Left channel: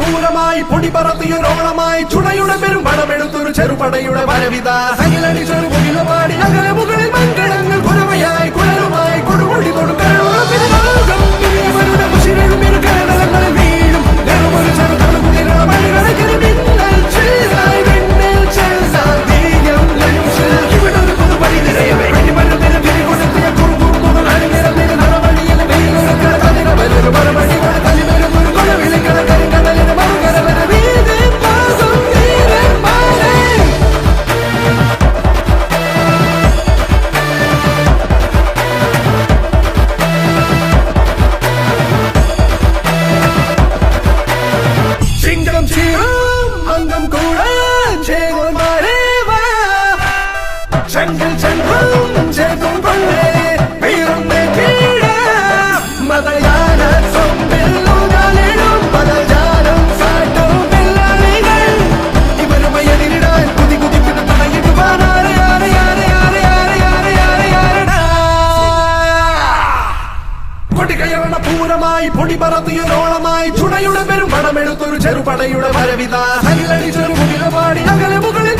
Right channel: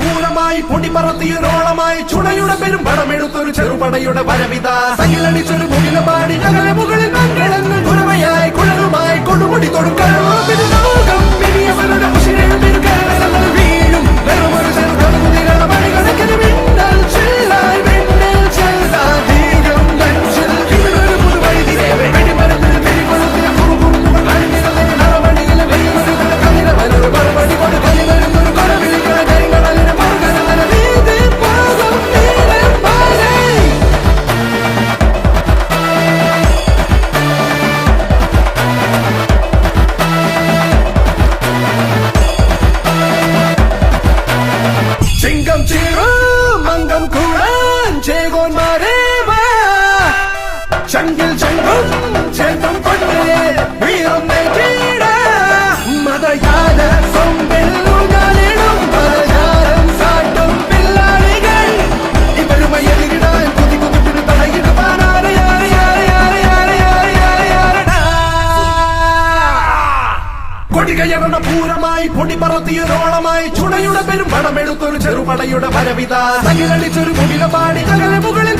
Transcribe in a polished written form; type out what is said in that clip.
പൂരമായി പൊടി പറത്തിയൊരോളമായി ചുണയുടെ പെരും പണമെടുത്തൊരു ചെറുപടയുടെ വരവിത സകിലടിച്ചൊരു മുകില പാടി നഗര മുകളിൽ മങ്കിടങ്ങൾ കുരമയായി കുഴലുമായി കൊടുമുടി കൊടുക്കൽ ചെങ്കിൽ ചെങ്കും ചേത്തും കൊണ്ടേ വീഴുന്നേ കീഴ മതയാന സൊമ്പെല്ലുകളിടും പലചാരം സാട്ടും പിള്ളാരികൾ ഇവരുമയെതിരിടാൻ കുതികുതിക്കും തടയിടുവാനാണ് കൊടികയറണ പൂരമായി പൊടി പറത്തിയൊരോളമായി ചുണയുടെ പെരും പണമെടുത്തൊരു ചെറുപടയുടെ വരവിത സകിലടിച്ചൊരു മുകില പാടി നഗര മുകളിൽ